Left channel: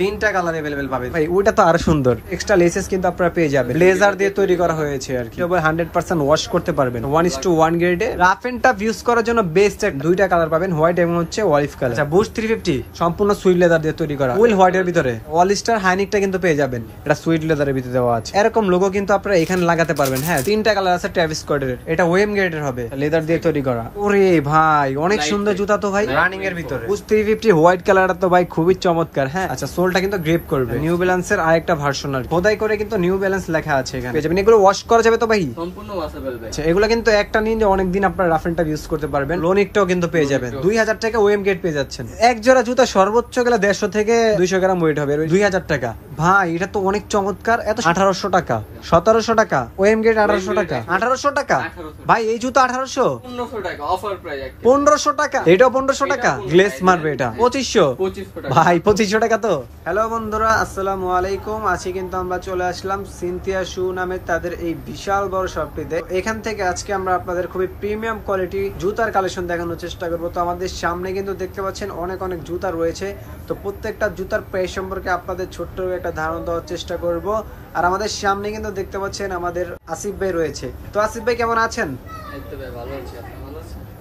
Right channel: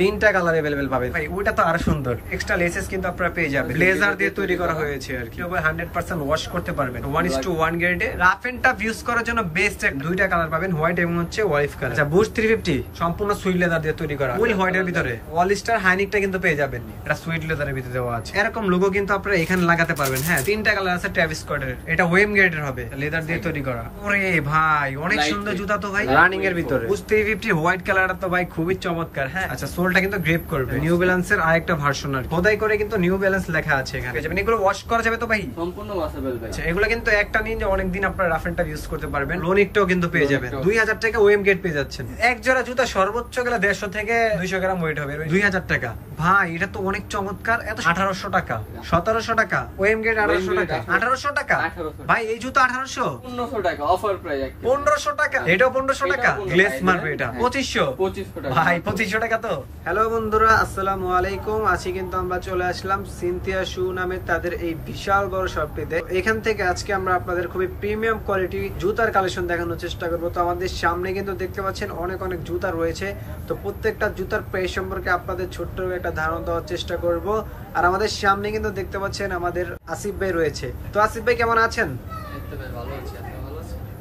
তিনটা colour available পাবেন ভাই। ওটা তো আরো সুন্দর, এক্সট্রা লেসেস কিন্তু আপনারা পেয়ে যাবেন। ব্লেজার দিয়ে তৈরি করা হয়েছে আর কি, 100% ওয়াশ করতে পারবেন। 1:1 গ্রেডে রাফ এন্ড টাফ ইউজ করার জন্য বেস্ট দুইটা কালার পাবেন, হোয়াইট এবং হচ্ছে অলিভ কালার। আচ্ছা বুশ 350 সম্পূর্ণ সুইট লেদার দিয়ে তৈরি করা, ফুল হোয়াইটের ভিতরে অলিস্টার হাইনিকটা কিন্তু পেয়ে যাবেন, এটা সুইট লেদারের ভিতরে দেওয়া আছে। এরকম লোগো কিন্তু আপনারা এখানে লাগাতে পারবেন। হ্যাঁ তিনটা কালার আছে ট্রাভিস স্কটের, এটা ওয়েম গ্রেডের হবে, লেদার দিয়ে তৈরি করা। ওরে ভাই অনেক সুন্দর জুতা তো ভাই, রানিং এর ভিতরে। বুশ 350 হোয়াইট কালারটা তো ভাই খুবই চমৎকার। হ্যাঁ আচ্ছা সোলটা কিন্তু গ্রিপ করবে, নিউ ব্যালেন্সের আরেকটা ভার্সন আর খোদাই করে কিন্তু নিউ ব্যালেন্স লেখা আছে এখানে। এগুলো ওয়াশ করা যাবে তো ভাই, সম্পূর্ণ ওয়াশেবল ভাই। আচ্ছা এগুলো কিন্তু একটা নিন যে অনেকদিন আপনার রাফ এন্ড টাফ ইউজ করতে পারবেন। লোনিকটাও কিন্তু পেয়ে যাবেন, 2000 টাকা ওয়েম গ্রেড পেয়ে যাচ্ছেন। এক জোড়া জুতা সর্বোচ্চ গেলে 150 থেকে 200 গ্রাম ওয়েট হবে, 2000 টাকা ভাই। এটা তো অনেক চমৎকার। এত 1800 টাকা, 1700 টাকা ওয়েম গ্রেড, 1800 টাকা, 1800 টাকা ভাই। এই জুতা 1800, 1500 টাকা অফার প্রাইস, 1500 টাকা। এটাও 1500 টাকা, গ্লেস মারবে এটা 2500 টাকা ভাই, 2500 টাকা তো। হ্যালো বন্ধুরা আসসালামু আলাইকুম। আজকে কিন্তু আমরা চলে আসলাম সিনথিয়া শু নামে তাদের এই বিশাল বড় শপটিতে। এখান থেকে আজকে আমরা আপনাদের খুবই প্রিমিয়াম কোয়ালিটি জুতার কালেকশন দেখানোর চেষ্টা করবো। তো আমাদের সামনে কিন্তু দেখতে পাচ্ছেন অনেক অনেক জুতা রয়েছে। তো প্রত্যেকটা জুতার প্রাইস সম্পর্কে আপনাদের ছোট্ট একটা ধারণা দেওয়ার চেষ্টা করব। আর আমাদের সামনে কিন্তু দেখতে পাচ্ছেন আমাদের আসিফ ভাই রয়েছে। তো আসিফ ভাই কেমন আছেন?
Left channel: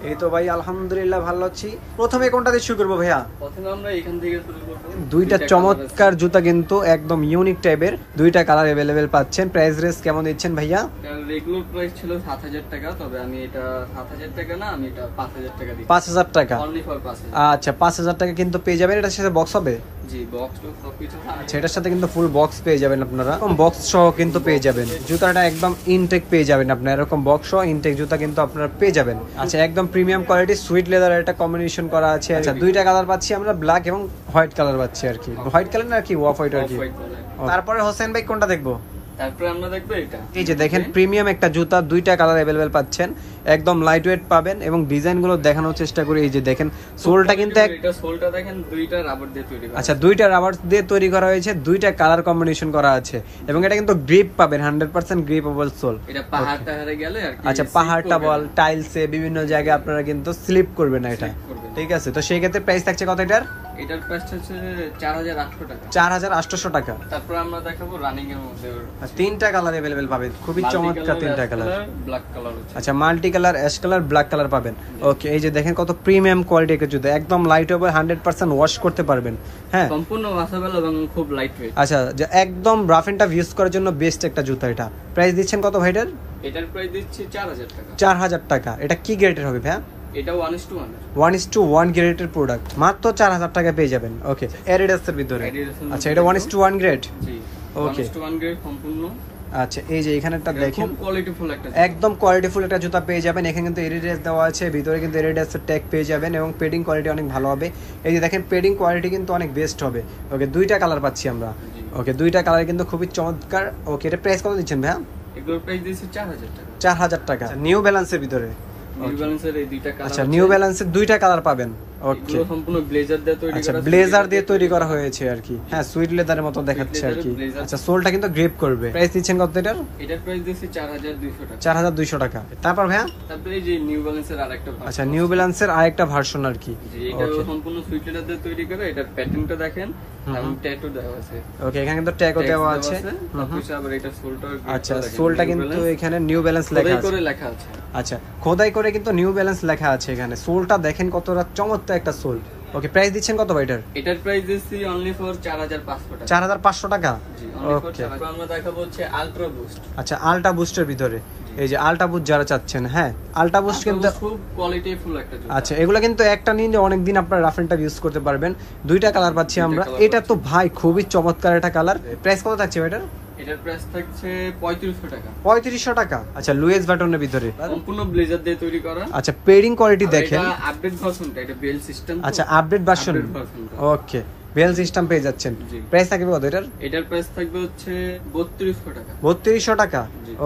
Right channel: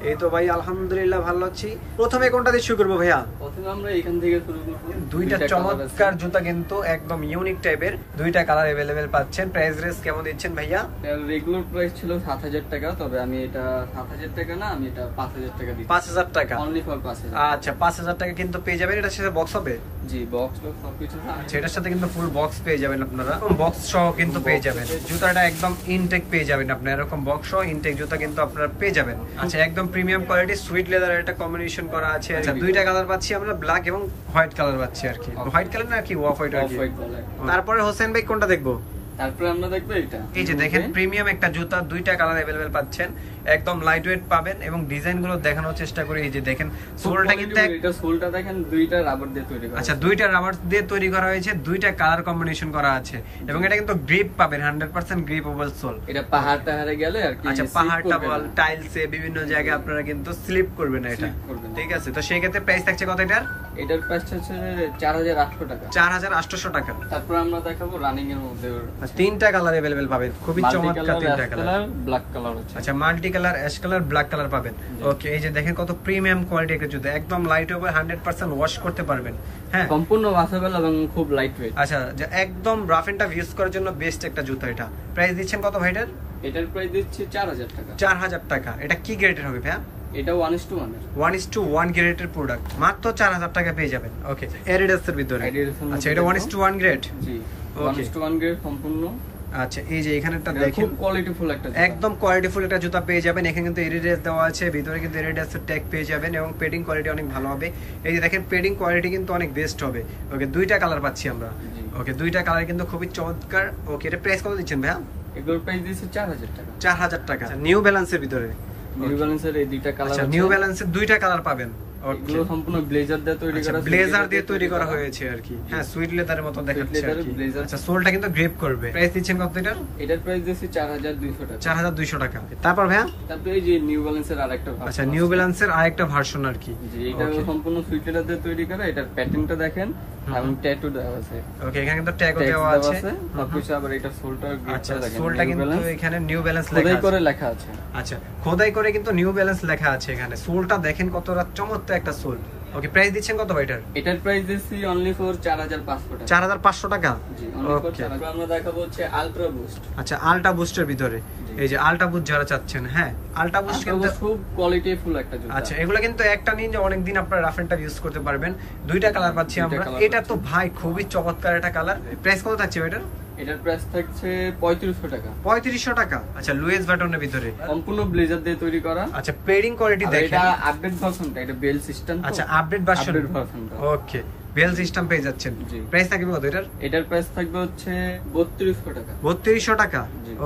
এই তো ভাই আলহামদুলিল্লাহ ভালো আছি। প্রথমে কোনটা দিয়ে শুরু করবো ভাইয়া? প্রথমে আমরা এখান থেকে শুরু করব। দুইটা চমৎকার জুতা কিন্তু একদম ইউনিক টাইপের, দুইটা কালার अवेलेबल পাচ্ছেন। প্রাইস রেঞ্জ কেমন দিচ্ছেন ভাইয়া? রেগুলার প্রাইস ছিল 7000 টাকা, তবে আমি এটা 7000 টাকা না, আমি এটা 5000 টাকা দিই। 5000 টাকা অনলি ফর 5000। আচ্ছা 5000 টাকা কিন্তু পেয়ে যাবেন। এটার সাথে বক্স হবে? জি বক্স তো সবকিছু আছে। এটার সাথে কিন্তু ফুল বক্স পেয়ে যাবেন আপনারা, বক্স সহ কিন্তু পেয়ে যাবেন। জুতাটা একদম ইনটেক পেয়ে যাবেন আপনারা, এরকম বক্স সহ ইনটেক জুতা কিন্তু আপনারা পেয়ে যাবেন। আচ্ছা একদম প্রিমিয়াম কোয়ালিটি সুইট লেদার একটা কম্বিনেশন করা আছে। আচ্ছা দুইটা কালার পাচ্ছি আমরা, ব্ল্যাক এবং হোয়াইট কালার পাচ্ছি আর কি। হোয়াইট কালার না কি অফ হোয়াইট আর কি। তারপরে হোসেন ভাই কোনটা দেখবো? তারপরে আমরা দেখবো এটা। এই যে দেখেন প্রিমিয়াম একটা জুতা, দুইটা কালার अवेलेबल পাচ্ছেন, একদম লাইট ওয়েট পাবেন এবং ডিজাইন গুলো দেখানোর চেষ্টা করি। এই যে দেখেন সোলটা কিন্তু এটা সোলটা দেখেন দুইটা রাবার দিয়ে তৈরি করা। আচ্ছা দুইটা রাবার দিয়ে তৈরি করা হয়েছে, দুইটা কালার কম্বিনেশন করা আছে এবং এটা কিন্তু গ্রিপ পাবেন, 100% গ্রিপেবল সোল। এটা পাহাড় টাহাড়ে গেলে আর কি। আচ্ছা পাহাড়টা বল টাইলসে বিভিন্ন জায়গায় আপনারা কিন্তু স্লিপ করবেন না এটা, ঠিক আছে। তো সেই ক্ষেত্রে প্রাইস থাকছে কত এটার? এটার প্রাইস হচ্ছে 4800 টাকা। 4800 টাকা। তারপর আমরা দেখাবো রানিং এর মধ্যে তিনটা কালার अवेलेबल পাবেন, খুবই চমৎকার তিনটা কালার। ব্ল্যাক কালার আছে। আচ্ছা multi colour, ash colour, black colour পাবেন। ওকে এই যে দেখেন কত প্রিমিয়াম কোয়ালিটি একটা জুতা, একদম লাইট ওয়েট, 100% ওয়াশ করতে পারবেন। হ্যাঁ সম্পূর্ণ ওয়াশেবল এবং খুব লাইট ওয়েট। আচ্ছা যে একদম রাফ এন্ড টাফ ইউজ করার জন্য বেস্ট একটা জুতা এটা। প্রাইস দিচ্ছেন কত ভাইটার? এটার প্রাইস দিচ্ছি 4000 টাকা। 4000 টাকা। এটা কি গ্রেডের হবে ভাই? এটা 1:1 এর 1:1 গ্রেডের প্রোডাক্ট, মাত্র 4000 টাকা পেয়ে যাবেন। ওকে অ্যাডিডাস এর ভিতরে। আচ্ছা এটা 1:1 গ্রেড। জি 1:1 গ্রেড সম্পূর্ণ। আচ্ছা এই যে এখানেটা দেখেন খুব কোয়ালিটিফুল একটা জুতা, একদম কোয়ালিটিফুল একটা জুতা পেয়ে যাবেন। এখানে কিন্তু এডিডাস দেওয়া আছে, ভিতরে কিন্তু এডিডাসের ট্যাগ পেয়ে যাবেন এবং পেডিং কোয়ালিটি অনেক ভালো হবে। এই যে দেখেন পেডিং কোয়ালিটি কিন্তু অনেক বেস্ট হবে। ওকে দুইটা কালার পাচ্ছি আমরা। ওকে দুইটা কালার কিন্তু খুবই চমৎকার। ওকে এটা প্রাইস কত দিচ্ছেন ভাইয়া? এগুলোর প্রাইস দিয়েছে 4000 টাকা। 4000 টাকা। নিউ ব্যালেন্সের ভিতরে। নিউ ব্যালেন্সের এই দুইটা কালার। আচ্ছা নিউ ব্যালেন্সের দুইটা কালার পাবেন। ওকে সম্পূর্ণ ব্লেজার দিয়ে তৈরি করা, ব্লেজার দিয়ে তৈরি করা হয়েছে আর কি। হ্যাঁ সুইট লেদারের মতো দেখাচ্ছে আর কি। আচ্ছা সোলটা কিন্তু গ্রিপ করবে। প্রাইস দিচ্ছেন কত এটার? এটার প্রাইস দিয়েছি 4200 টাকা। 4200 টাকা। তারপর ভাইয়া তারপরে এই যে নিউ ব্যালেন্সের আরেকটা ভার্সন। আচ্ছা নিউ ব্যালেন্সের আরেকটা ভার্সন আর কি। জি এটা সম্পূর্ণ সুইট লেদার দিয়ে তৈরি করা। এটার প্যাটার্নটা দেখেন এবং ট্যাটু দেওয়া আছে। ওকে এখানে কিন্তু ট্যাগও দেওয়া আছে। তারপর আবার এটা সোলটা। আচ্ছা সোলটা কিন্তু এখানে নিউ ব্যালেন্স লেখা আছে। আচ্ছা খোদাই করে কিন্তু নিউ ব্যালেন্স লেখা আছে এখানে। সোলটা দেখেন কতটা চমৎকার একটা সোল। ওকে প্রাইস দিচ্ছেন কত ভাই এটার? এটার প্রাইস দিচ্ছি অনলি ফর 4500 টাকা। 4500 টাকা। জি অনলি ফর 4000। আমরা দেখাবো হচ্ছে আলট্রা বুস্ট। আচ্ছা আলট্রা বুস্টের ভিতরে এই যে আলট্রা বুস্ট যারা চাচ্ছেন, হ্যাঁ আলট্রা বুস্ট কিন্তু খুব কোয়ালিটিফুল একটা জুতা। আচ্ছা এগুলো কিন্তু একটা নিন যে অনেকদিন আপনারা রাফ এন্ড টাফ ইউজ করতে পারবেন। দুইটা কালার পাচ্ছি আমরা। এটা তো ভাই খুবই চমৎকার একটা কালার। প্রাইস কত থাকছে এটার? এটার প্রাইস থাকছে 3500 টাকা। 3500 টাকা। আচ্ছা লুইস বাটনের ভিতরে সম্পূর্ণ ব্লেজার দিয়ে তৈরি করা। আচ্ছা পেডিং কোয়ালিটি দেখেন। এটা আপডেট ভার্সনটা, এটা বেল সিস্টেম। আচ্ছা আপডেট ভার্সন। ওকে বেল সিস্টেম পেয়ে যাচ্ছেন। প্রাইস থাকবে কত এটার? এটার প্রাইস থাকবে হচ্ছে 3200 টাকা। 3200 টাকা।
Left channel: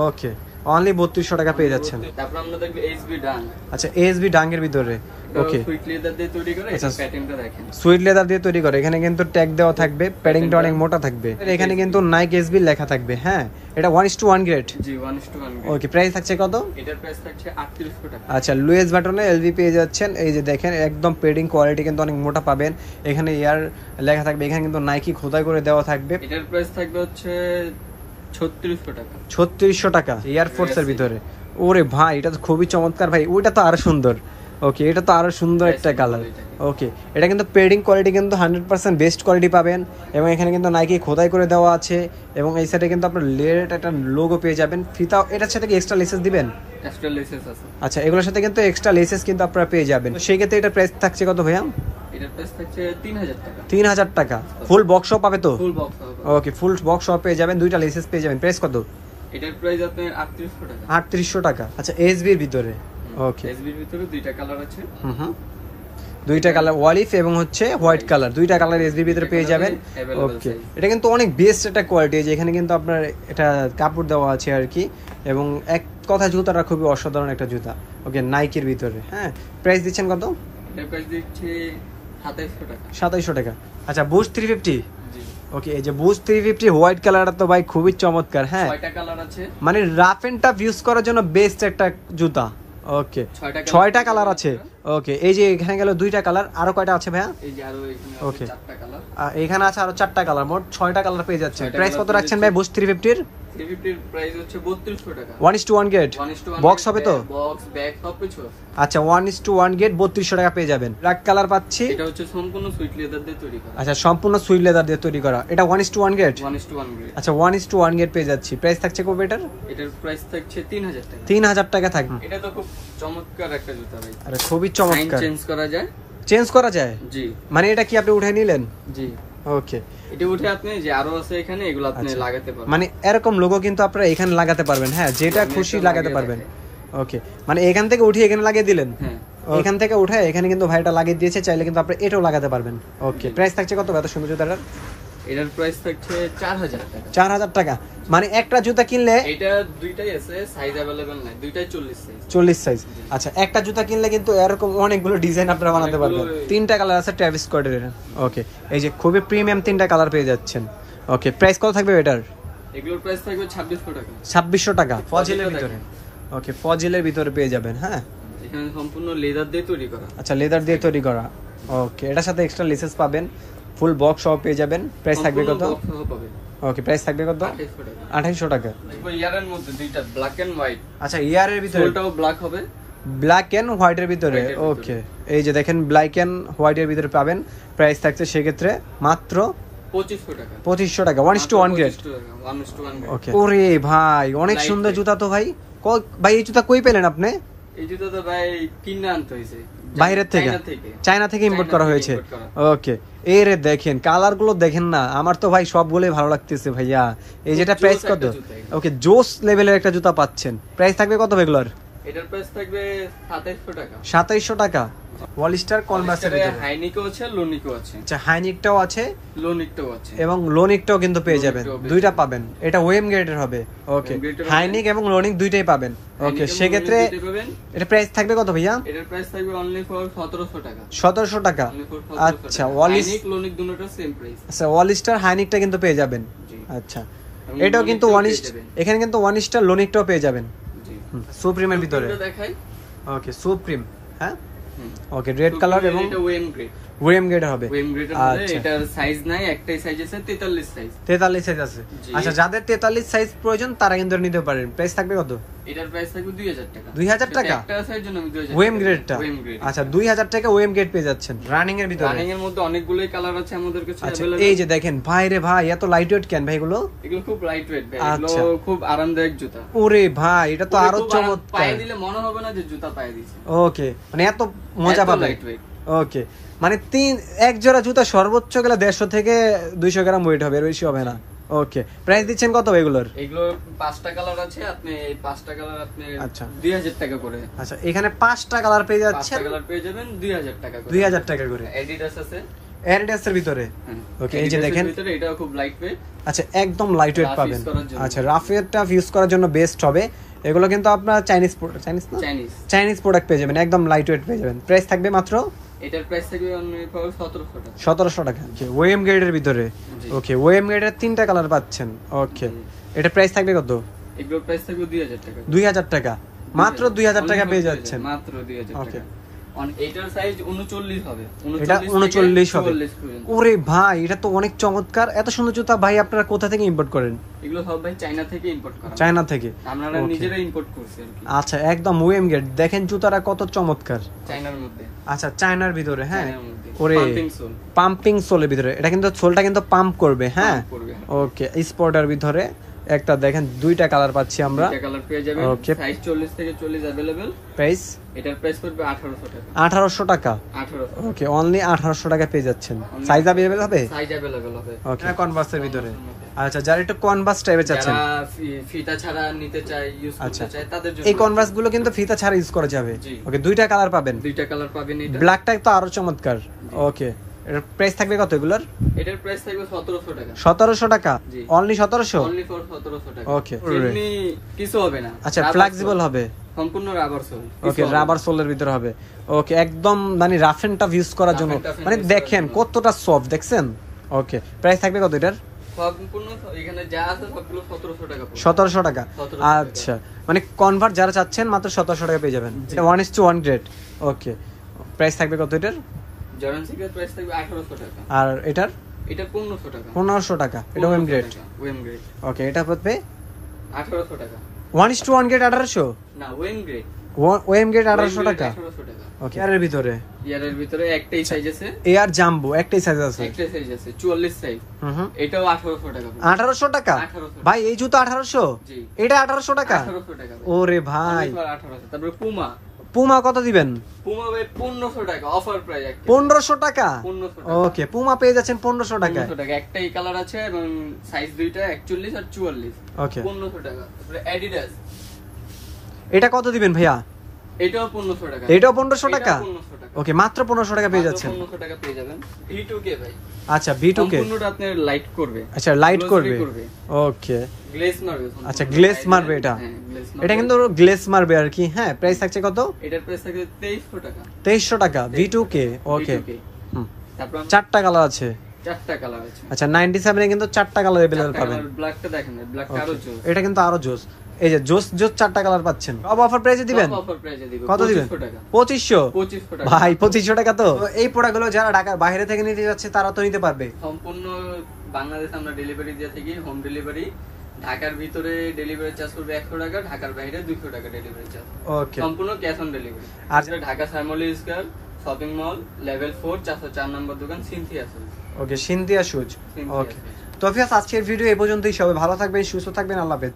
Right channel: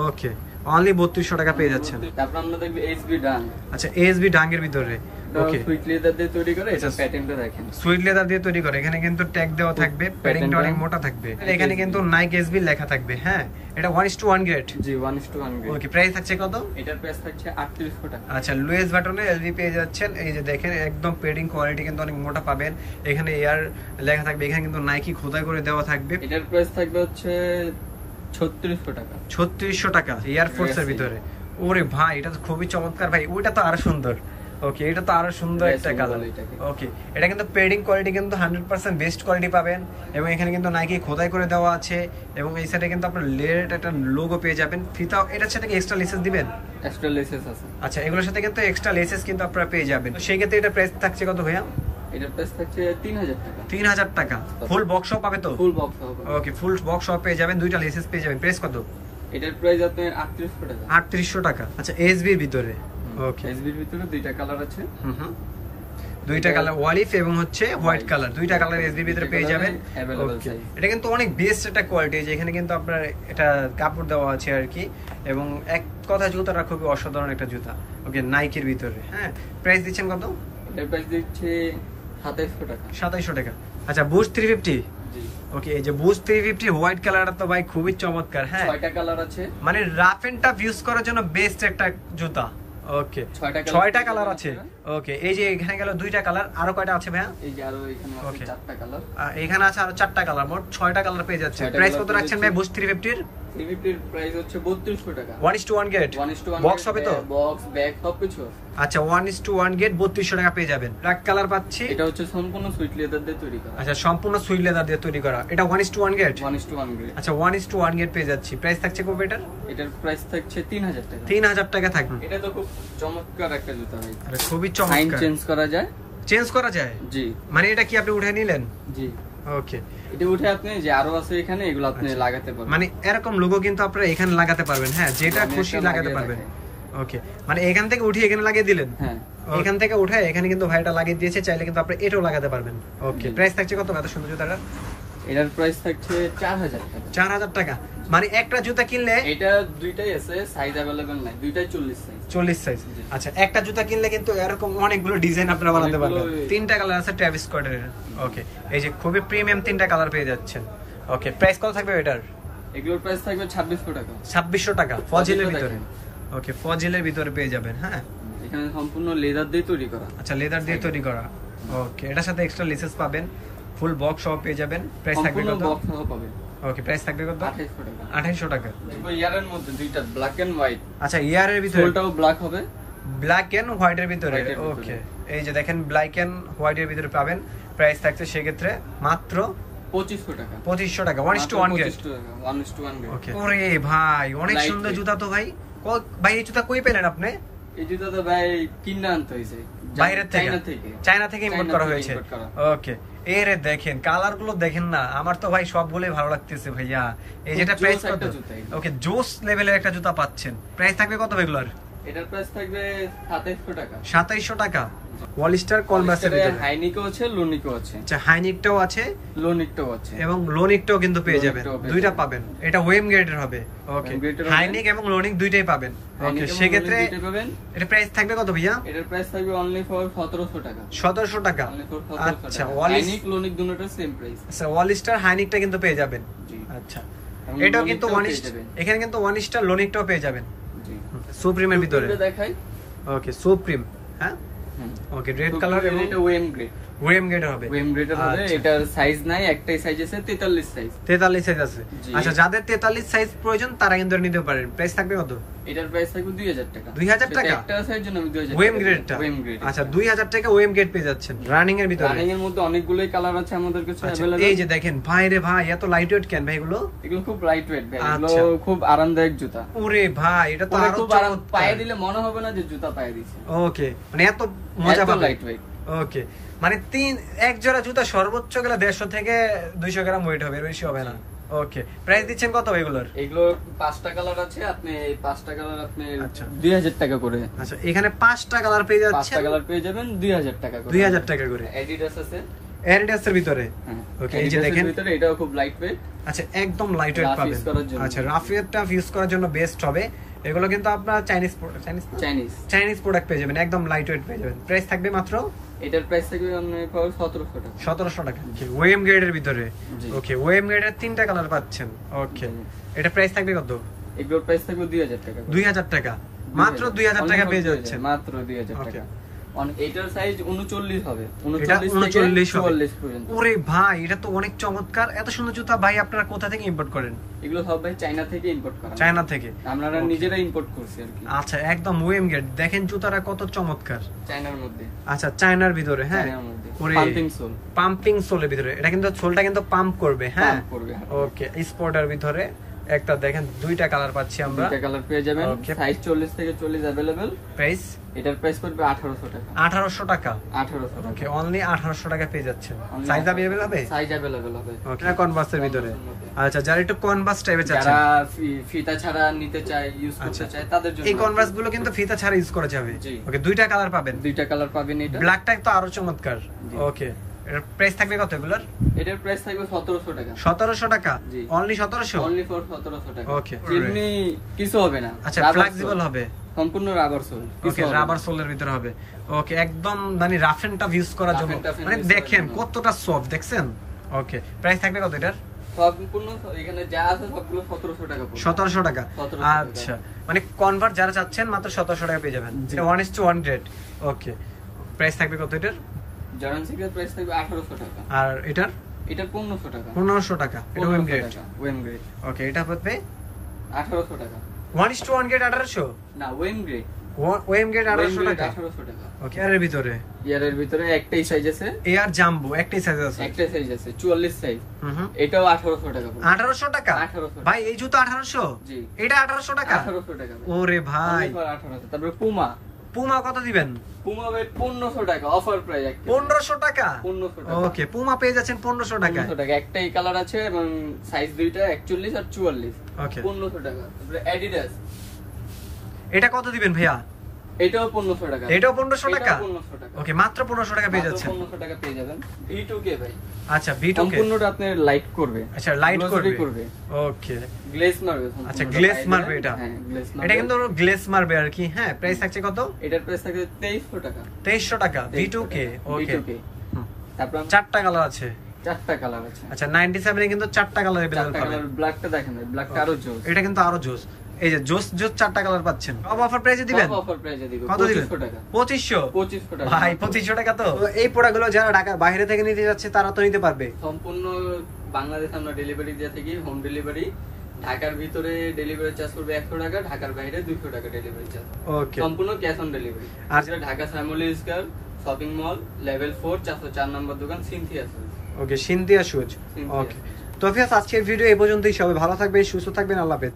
ওকে অনলি 3200 টাকা পেয়ে যাচ্ছেন। তারপর আমরা দেখব এসবি ডাং। আচ্ছা এসবি ডাঙ্গের ভিতরে ওকে সুইট লেদার দিয়ে তৈরি করে, এটা প্যাটার্নটা দেখেন সুইট লেদার দিয়ে তৈরি করে। এখানে কিন্তু ট্যাগ দেওয়া থাকবে, প্যাডিংটা অনেক মোটা থাকবে। এখানে কিন্তু নাইক এসবি লেখা থাকবে। হ্যাঁ এটা 1:1 গ্রেড। জি 1:1 গ্রেড। ওকে প্রাইস থাকছে কত? এটার প্রাইস থাকছে 3800 টাকা। আচ্ছা লুইস বাটনে এলভি পেয়ে যাচ্ছেন। এই যে দেখেন একদম পেডিং কোয়ালিটি কিন্তু অনেক মোটা পাবেন। এখানে এয়ার লেখা থাকবে, এখানে কিন্তু নাইকি খোদাই করে দেওয়া থাকবে। এটার প্রাইস থাকবে হচ্ছে 3600 টাকা। 3600 টাকা এয়ার ফোর্স এর ভিতরে। ওরে ভাই এটা তো খুবই চমৎকার ভাই, ওইটা তো আরো সুন্দর। ওকে এটা তো আরো সুন্দর একটা কালার। ওকে এটা কিন্তু পেডিং কোয়ালিটি কিন্তু 100% বেস্ট কোয়ালিটি পাবেন, এবং এখানে কিন্তু নাইকি খোদাই করে দেওয়া আছে, এবং এই সাইডে কিন্তু আপনার লেয়ার একটা লোগো পেয়ে যাবেন। ফিতা এটার সাথে কি এক্সট্রা লেসেস দিবেন? এক্সট্রা লেসেস আছে। আচ্ছা এগুলোর সাথে কিন্তু এক্সট্রা লেসেস কিন্তু আপনারা পেয়ে যাবেন। সেই ক্ষেত্রে এটা প্রাইস থাকছে কত ভাইয়া? এটার প্রাইস থাকছে 3000 টাকা। 3000 টাকা ফুল বক্স সহ পাবে তো? ফুল বক্স হবে। ওকে ফুল বক্স সহ পেয়ে যাবেন, দুইটা লেসেস পেয়ে যাবেন। প্রাইস কত? এটার প্রাইস আপনার 3800 টাকা। 3800 টাকা। আচ্ছা এসবি এর ভিতরে ওকে এসবির ভিতরে দুইটা কালার আছে। দুইটা কালার অলিভ এবং হচ্ছে হোয়াইট কালার, দুইটা কালার এসবি ভিতরে পেয়ে যাবেন। ওকে এটা কিন্তু অনেক বেস্ট একটা কোয়ালিটি। যে এখানে কিন্তু আপনার এটা কাপড় দেওয়া আছে আর কি, এবং এক কথা জুতাটা খুবই অসাধারণ একটা জুতা। ওকে নাইকির ভিতরে। হ্যাঁ প্রাইস দিচ্ছেন কত? এটার প্রাইস দিচ্ছে 2700 টাকা। 2700 টাকা। আচ্ছা বুস্ট 350। জি ওকে এই যে বুস্ট 350 হোয়াইট কালারটা তো ভাই খুবই চমৎকার। হ্যাঁ 6টা কালার আছে, মানে রাফ এন্ড টাফ ইউজ করার জন্য বেস্ট একটা জুতা। ওকে 6টা কালার আছে। ওকে এই যে এখানে গেল দুইটা কালার, আরো কয়টা আছে ভাইয়া? এই যে আরো এখানে আছে 4টা কালার। এখানে আছে আরো 4টা কালার, মোট 6টা কালার পেয়ে যাচ্ছে। প্রাইস কত রাখছেন ভাই বুস্ট 350 এর? 350 এর প্রাইস হচ্ছে 3200 টাকা। 1:1 গ্রেড বক্স হবে তো? বক্স ব্যাগ সবকিছু আছে। আচ্ছা 1:1 গ্রেড 3200 টাকা পেয়ে যাবেন। ব্ল্যাক কালার পাচ্ছি। এটা হচ্ছে সম্পূর্ণ সুইট লেদার দিয়ে তৈরি করা। আচ্ছা সম্পূর্ণ সুইট লেদার দিয়ে তৈরি করা। এটা 1:1 গ্রেড। 1:1 গ্রেড। আচ্ছা 1:1 গ্রেড পেয়ে যাচ্ছি। প্রাইস থাকছে কত এটার? এটার প্রাইস থাকছে 3000 টাকা। 3000 টাকা থাকবে। এটা তো খুব চমৎকার একটা জুতা ভাই। আরে খুবই সাইন চমৎকার। চেঞ্জ করা যায়। চেঞ্জ করা যায়? জি মানে এটা কি আপনি উঠাই নিলেন? জি ওকে এটা উঠে আপনি যে আরো আছে এখানে, এগুলো আপনি লাগাতে পারবেন। মানে এরকম লোগো কিন্তু আপনারা এখানে লাগাতে পারবেন। হ্যাঁ যেটা খুশি লাগাতে পারবেন। ওকে মানে এখান থেকে উঠিয়ে এখানে লাগিয়ে দিলেন। হ্যাঁ এখান থেকে উঠে এখানে কিন্তু ভাইটা লাগিয়ে দিয়েছে, চাইলে কিন্তু আপনি এটাও লাগাতে পারবেন। ওকে প্রাইস থাকছে কত এত সুন্দর জুতাটার? এটার প্রাইস থাকছে 4000 টাকা। 4000 টাকা। মানে একটা জুতা কিনলে এটা দুইটাই আছে, সাইজ अवेलेबल নাই, দুইটাই 40 সাইজ। 40 সাইজ। আচ্ছা একটা জুতা কিনলে কিন্তু এরকম অনেকগুলো ডিজাইন আপনারা বানাতে পারবেন। তিনটা কালার আছে ট্রাভিস স্কটের। ওকে এই যে খুবই প্রিমিয়াম তিনটা কালার পেয়ে যাচ্ছেন। ওকে প্রাইস কত থাকবে এটার? এগুলোর প্রাইস থাকবে 2600 টাকা। 2600 টাকা ফজিলের ভিতরে। ওকে ফজিলের ভিতরে পেয়ে যাবেন। হ্যাঁ এখানে সম্পূর্ণ লেদার দিয়ে তৈরি করা। আচ্ছা লেদার দিয়ে তৈরি করা। ওকে এটার সাথে এক্সট্রা লেসেস পাবেন, ফুল বক্স সহ পেয়ে যাবেন। প্রাইস থাকবে কত? বক্স সহ পাবেন। ওকে প্রাইস থাকবে কত? 2800 টাকা। 2800 টাকা। দেখো ইয়ারের মধ্যে দুইটা ব্ল্যাক এন্ড হোয়াইট। আচ্ছা ইয়ারের ভিতরে সোলটাও ব্ল্যাক হবে, ব্ল্যাক এন্ড হোয়াইট এর ভিতরে। ওকে এই যে দেখেন ব্ল্যাক এন্ড হোয়াইট এর ভিতরে পাবেন। প্রাইস থাকছে সেক্ষেত্রে মাত্র 2500 টাকা। 2500 টাকা 1:1 গ্রেড। 1:1 গ্রেড। ওকে ওরে ভাই অনেক সুন্দর জুতা তো ভাই। ভাই এই জুতা কই পেলেন আপনি? এই জুতা তো ভাই কিনে আনতে হইছে বাইরের থেকে, চায়না থেকে ইম্পোর্ট করা হয়েছে। ওকে এই রে দেখেন কালার গুলো দেখেন না, আমার তো ভাই সবগুলোই ভালো লাগতেছে ভাইয়া। এই যেটা প্রাইস কত? ওকে জোস লেভেলের একটা জুতা পাচ্ছেন। প্রাইস থাকবে কত এগুলোর? এটার প্রাইস থাকবে 2700 টাকা। 2700 টাকা। ওয়ালিস্টার কনভার্সের ভিতরে হাইনিকও আছে, লোনিকও আছে। আচ্ছা হাইনিকটাও আছে, লোনিকটাও আছে, এবং লোনিকটাও কিন্তু পেয়ে যাবেন। দুইটা পাবেন। এটা ওয়েম গ্রেডের হবে। ওকে হাইনিক এবং লোনিক দুইটাই পাবেন। ওকে সেক্ষেত্রে এটা প্রাইস থাকবে কত ভাইয়া? এটার প্রাইস থাকবে অনলি ফর 1700 টাকা। 1700 টাকা। আচ্ছা হাইনিক লোনিক দুটোটার সেম প্রাইস। আচ্ছা ওয়ালিস্টার হাইনিকটা কিন্তু পেয়ে যাবেন। আচ্ছা এটাও কিন্তু এখানে কিন্তু ওয়ালিস্টার লোনিকটাও পেয়ে যাবেন। জি সুপ্রিমের ভিতরে দেখাই। ওকে সুপ্রিম। হ্যাঁ ওকে রেড কালার এবং এটা ওয়েম গ্রেড। ওয়েম গ্রেড হবে। ওয়েম গ্রেডের হবে। এটার সাইজ নাই, একটাই সাইজ আছে 43 সাইজ। 43 সাইজ আছে। আচ্ছা যাদের 43 সাইজ প্রয়োজন তারা কিন্তু নিতে পারেন। প্রাইস থাকবে কত? এটার প্রাইস থাকবে 2000 টাকা। 2000 টাকা একটা সাইজ জন্য আমি 2000 টাকা। ওয়েম গ্রেডটা। আচ্ছা 2000 টাকা ওয়েম গ্রেড পেয়ে যাচ্ছেন রানিং এর ভিতরে। রানিং এর মধ্যে অনেকগুলোই কালার আছে আমাদের কাছে अवेलेबल। এই যে দেখেন ভাই রে ভাই এত লাইট ওয়েট কেন ভাই এগুলো? এগুলো খুব লাইট ওয়েট ভাই, এগুলো খুব আরামদায়ক জুতা। ওরে ভাই এটা তো আরো পায়ে দিলে মনে হবে না যে জুতা পায়ে দিয়েছে। ওকে মানে এত মজা পাবে। Light weight. ওকে মানে এক জোড়া জুতা সর্বোচ্চ গেলে 150 থেকে 200 গ্রাম ওয়েট হবে, এর বেশি হবে না। ওকে প্রাইস দিচ্ছেন কত এগুলোর? এগুলো 5টা কালার আছে, আপনি এই 5টা কালার আপনি 2000 টাকা করে। আচ্ছা এখানে 5টা কালার পেয়ে যাচ্ছে। 5টা কালার পেয়ে যাবেন 2000 টাকা করে। 2000 টাকা করে। অ্যাডিডাস আছে, অ্যাডিডাস এর ভিতরে। ওকে এই যে দেখেন ভিতরে এটাও খুব লাইট ওয়েট। আচ্ছা একদম লাইট ওয়েট পাবেন। আচ্ছা রাফ ওয়েটটা ইউজ করার জন্য বেস্ট হবে। এগুলো কিন্তু আপনার চাইনিজ চাইনিজ প্রোডাক্ট পেয়ে যাবেন, একদম লাইট ওয়েট পেয়ে যাবেন। প্রাইস থাকবে মাত্র, এটার প্রাইস থাকবে অনলি 1700 টাকা। 1700 টাকা ওএম গ্রেডের ভিতরে। ওকে, ওএম গ্রেডের 3টা কালার পাচ্ছেন। ওকে, এটা প্রাইস থাকবে কত? এগুলোর প্রাইস থাকবে 2000 টাকা। 2000 টাকা, মাত্র 2000 টাকা পেয়ে যাচ্ছেন, মাত্র 2000 টাকা। এটার সাইজ 39 হবে, এটা 39 হবে। 44 পর্যন্ত। ওরে ভাই, এটা তো অনেক চমৎকার। এত সুন্দর জুতা ভাই আপনারা কোথা থেকে ইম্পোর্ট করেন? এগুলো সব ভাই চায়না থেকে ইম্পোর্ট করা, চায়না থেকে আমরা নিজেরা ইম্পোর্ট করছি আর কি। আচ্ছা, একদম ওএম গ্রেড। দেখেন জুতাটা কত চমৎকার, চায়নার মধ্যে। আচ্ছা, চায়নার ভিতরে। হ্যাঁ, ওরে পাম্পিং সোল, পাম্পিং সোলের ভিতরে। এটা কিন্তু সোলটা কিন্তু পাম্প করবে। হ্যাঁ, করবে। ওকে, স্পোর্টের ভিতরে একটা দেখেন 2টা কালার পাচ্ছি আমরা। 2টা কালার পেয়ে যাবেন, সাইজ 40 থেকে 40 अवेलेबल। প্রাইস, এটার প্রাইস পড়বে 1800 টাকা। 1800 টাকা। 1800। ওকে, অনলি 1800 টাকা পেয়ে যাচ্ছেন। সাইজ अवेलेबल হবে? সাইজ अवेलेबल হবে। ওকে, কনভার্সের ভিতরে। আচ্ছা, যারা একটু কনভার্স টাইপের চাচ্ছেন, যারা ফিতা ছাড়া নিতে চায়, ইউজ করতে চায়, তাদের জন্য এই কনভার্স গুলো কিন্তু ফিতা ছাড়া ইউজ করা যাবে। ওকে, 2টা কালার পাবেন। 2টা কালার পাবেন। এটা ব্ল্যাকটা তো আরো চমৎকার। ওকে, এর প্রাইস থাকবে কত এগুলোর? এটার প্রাইস থাকবে 1700 টাকা। 1700 টাকা, অনলি 1700, অনলি ফর 1700 টাকা। ওকে, এমনি কিছু হবে না। আচ্ছা, ফ্লেক্সিবল হবে, সম্পূর্ণ রাবার সোল। ওকে, রাবার সোলের ভিতরে হবে। ওকে, একদম মানে রাফ এন্ড টাফ ইউজ করার জন্য। মানে দেখেন কতটা সফট, দেখছেন? ওকে, প্রাইস থাকবে কত এটার? সম্পূর্ণ এখানে যা আছে সবগুলো 1700 টাকা পড়বে। 1700 টাকা। আচ্ছা, মানে কনভার্ট যারা চাচ্ছেন মাত্র 1700 টাকা পেয়ে যাবেন। 1:1 গ্রেড। ওকে, প্রাইস থাকবে কত এটার? জর্ডান 6 এর প্রাইস থাকবে 1800 টাকা। আর এটার? এটার 1500 টাকা। 1500 টাকা। এটা OM grade. OM grade. Okay, এটা পড়বে 1800 টাকা। 1:1 গ্রেড 1800? না, ওএম গ্রেড। ওএম গ্রেড 1800 টাকা। 1800 টাকা। ওকে, এর ভিতরে? এর ভিতরে একটাই সাইজ আছে। এয়ার জাম্বো একটাই সাইজ আছে? একটাই সাইজ আছে, 44 সাইজ। এটাও 1800 টাকা। 1800 টাকা? ভাই এই জুতো 1800? জি। এটা 1800 টাকা? 1800 টাকা। ওরে ভাই, 1800। তারপরে পুমা। পুমা কত দিবেন? পুমা ভাই 1500 টাকা, অফার প্রাইস। 1500 টাকা? 1500 টাকা। ওকে, পুমা পেয়ে যাচ্ছেন 1500 টাকা। 1500 টাকা। একটাই কালার আছে এবং সাইজ দুইটা 41 আর 44। ওকে, 1500 টাকা। তারপরে অ্যাডিডাস, এটা কত দিবেন ভাইয়া? এটাও 1500 টাকা। এটাও 1500 টাকা? 1500 টাকা। ওকে, মাত্র 1500 টাকা পেয়ে যাচ্ছেন। 1500 টাকা পেয়ে যাবেন। V2K ভাই। আচ্ছা, V2K সম্পূর্ণটা আপনার লাইট করবে। আচ্ছা, লাইট করবে। ওকে, গ্লেজ মারবে। আচ্ছা, গ্লেজ মারবে এটা। হ্যাঁ, গ্লেজ মারবে। এটা কিন্তু গ্লেজ মারবে আর কি। হ্যাঁ, প্রাইস থাকছে কত? এটার প্রাইস থাকবে 2300 টাকা। 2300 টাকা। V2K। ওকে, তারপর 4টা কালার আছে। 4টা কালার আছে। আচ্ছা, 97 এ কিন্তু 4টা কালার अवेलेबल পাবেন। ব্ল্যাকটা দেখেন, ব্ল্যাকটা আরো জোস। এটা কিন্তু আরো জোস। এই যে জোস 4টা কালার পাচ্ছেন। সব অফার প্রাইসে দিবেন? সব অফার প্রাইসে দিব। কত দিবেন? 2500 টাকা। 2500 টাকা। ভাই 2500 টাকা তো এই প্রোডাক্টগুলো যারা ঢাকার বাইরে থেকে নিতে যাচ্ছে তারা তো নিতে পারবে। সম্পূর্ণ বাংলাদেশ আমরা ডেলিভারি দিয়ে থাকি, হোম ডেলিভারি। ঢাকার ভিতরে ডেলিভারি চার্জ করবে 100 টাকা, ঢাকার বাইরে 200 টাকা ডেলিভারি চার্জ। ওকে, সম্পূর্ণ ক্যাশ অন ডেলিভারি। আর Dhaka Shyamoli square shopping mall level 4 404 number দোকান Cynthia shoes. Okay, Cynthia shoes. Okay, তো ফিয়াস আজকের ভিডিও এই পর্যন্তই। সবাই ভালো থাকবেন, সুস্থ থাকবেন, আল্লাহ হাফেজ।